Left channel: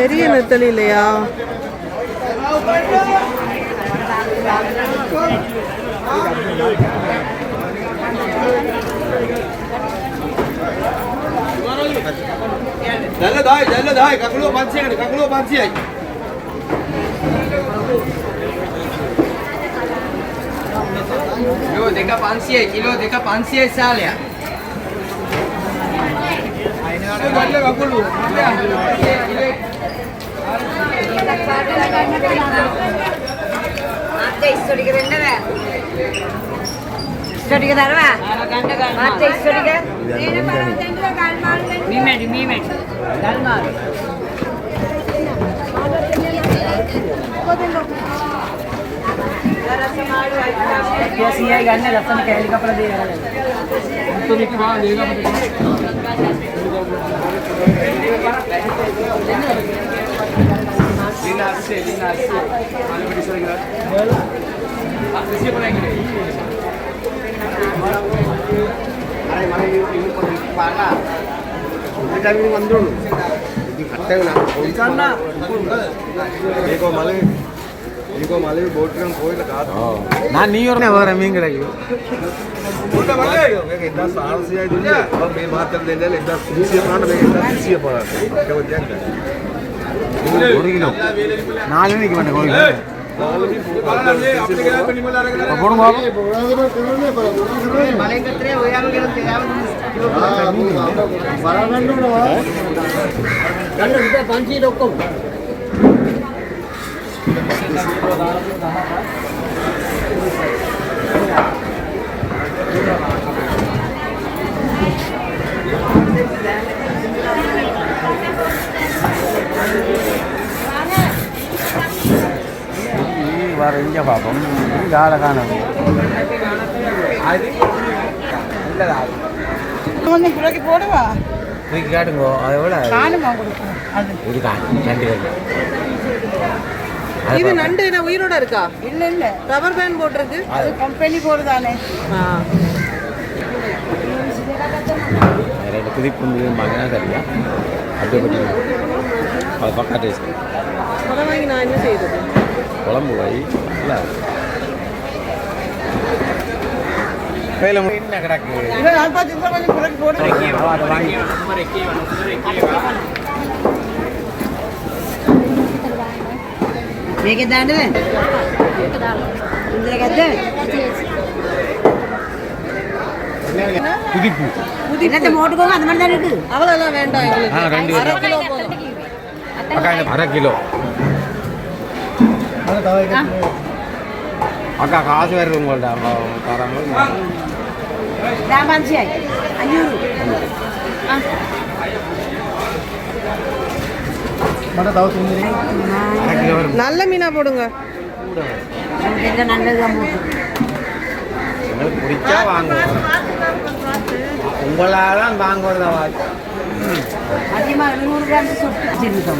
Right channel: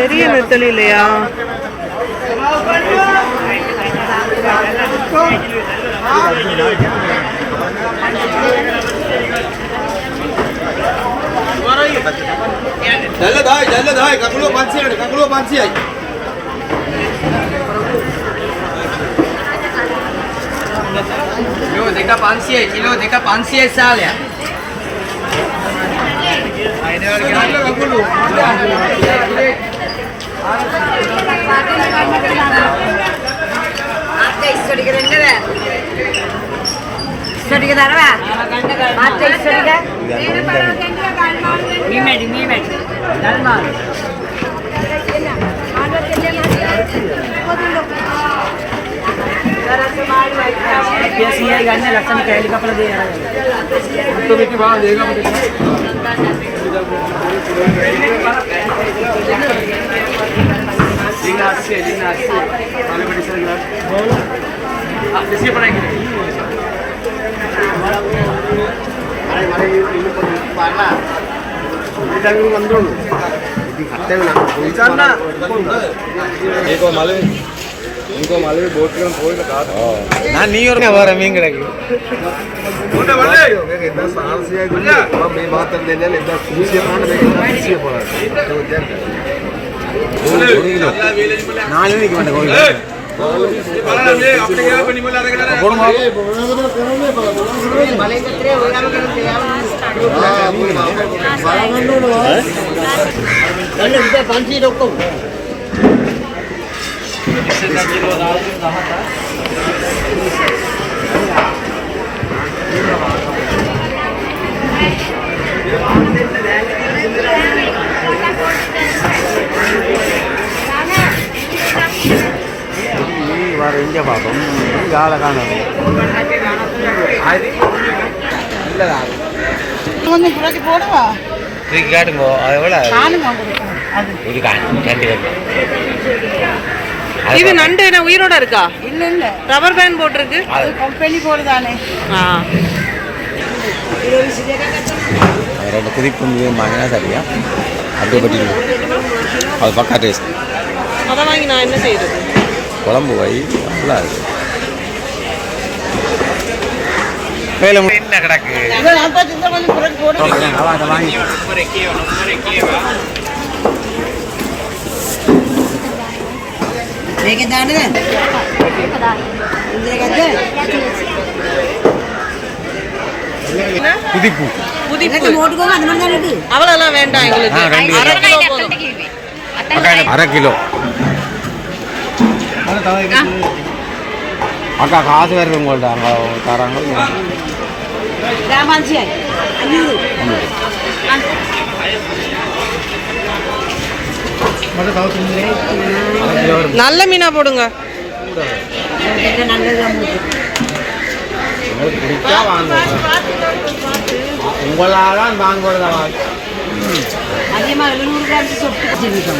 பெரிய நெத்தலி இல்லையா? kakulu panci. Kilo deka panci salah. लक्षण कैली कपड़ा दे इनको मालूम बोट में कोई लगा ना नहीं और मैं वारा नहीं करेगी बोलते बोले इतना साल से है दुनिया अब मैं बात कर लेने इतना खुशी प्राण में इतना खुशी पड़ा क्या बोलते हैं नाल नहीं क्यों नहीं अपने क्या बनी बोला लगा Inja Papa, gala kana. Ini lagi போடுவா. Ini காட்டுங்க, எவ்வளவு? காணுமா கொடுங்க. அது. இது காட்டு. இது நண்டு என்ன உயிரோட இருக்கா? இல்ல இல்ல. ரப்பர் பேண்ட் போட்டுருக்கு. அது கம்பெனி போடுதானே. ரெண்டு குதிப்பு வந்து வாங்கினா சரியா? அப்படியே கட்டி. அது பக்கா டேஸ்ட். அத வாங்கி நான் என்ன செய்யறது? குழம்பு வை நல்லா இருக்கு. மேல என்ன கிடக்கு? இத நான் பார்த்து இந்த கொஞ்சம் குறைச்சு போடுறேன். அத வாங்கி. මේක දාන්නද? ඉන්දිර ගත්ත? புதிப்பு. புதிப்பு. மோட்டு கோங்க அந்த மாதிரி தான் இருக்கு. அவளெல்லாம் வேண்டாம் எங்களுக்கு. 1/2 கிலோ போதும். 1/2 கிலோ. அக்கா காசு வேறு உங்கள்ட்ட தராங்க. ராமாஞ்சியாய் 500. நல்ல மீனா போடுங்க. உங்களால வாங்குறது அதிகமா 700 கிராம் சொட்டு 1000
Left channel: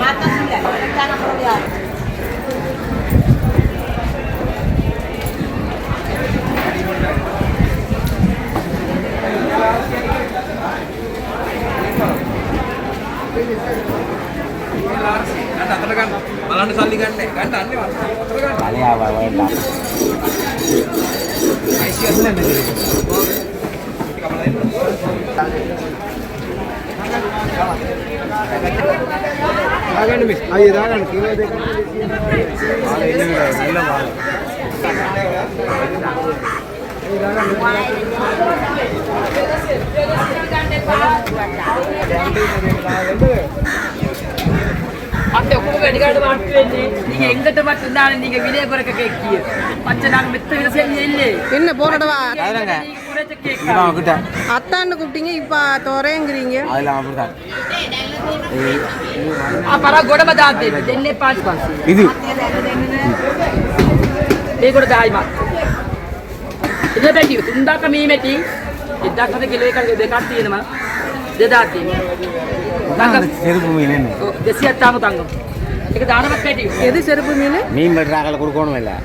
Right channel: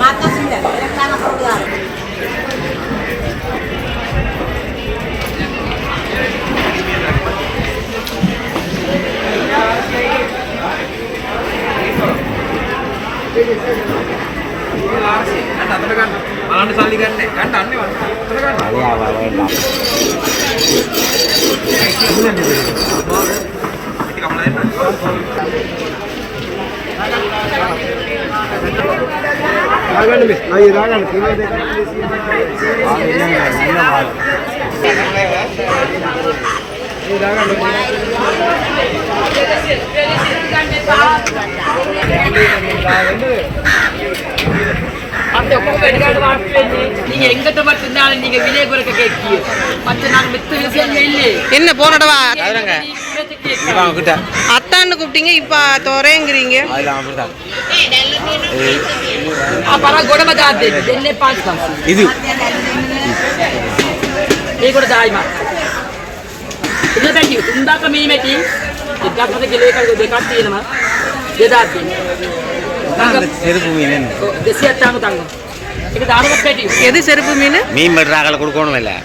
மாத்தா சில தாங்க போடுவாங்க. అలాంటి సల్లి కంటే అంటే అన్ని రాగండి మిస్ అవి రాగండి அந்த உங்க எடுக்காடு மாட்டுவேன் நீங்க எங்கிட்ட மட்டும் இருந்தாலும் நீங்க விலை குறைக்க கேட்கிய மற்ற நாங்க மித்த விஷயம் இல்லை என்ன போனடவா கிட்ட அத்தான்னு கூப்பிட்டீங்க இப்ப தோரேங்கிறீங்க. அதெல்லாம் அப்படிதான். අපර ගොඩම දාත් දෙන්න. දෙන්නේ 500. இது මේකට දායි මා. ඉතින් පැටි තුන්දාක මේ මෙටි 1000 කිලෝ එකක් දෙකක් තියෙනවා. 2000 තියෙනවා. செருப்பு மீன் என்ன? 270 தங்கம். ඒක දානවත් පැටි. எது செருப்பு மீன்? மீன் வெட்டுறாங்கள கொடுக்கணும் இல்லை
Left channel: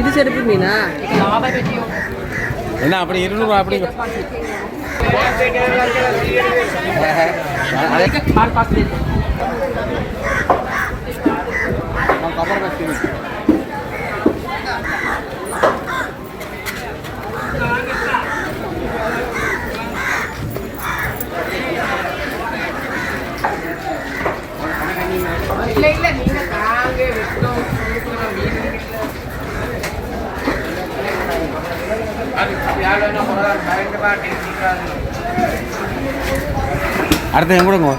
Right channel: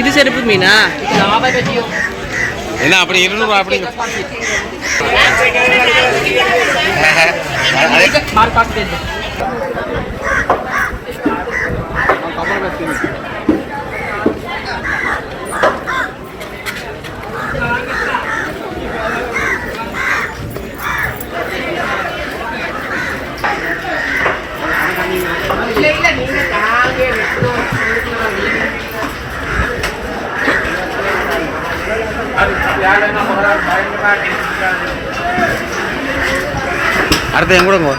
இது செருப்பு மீனா? ලාභ පැටිය. என்ன அப்படி 200 அப்படி මාල් පාස් දෙන්න. அடுத்து எங்க கொடுங்க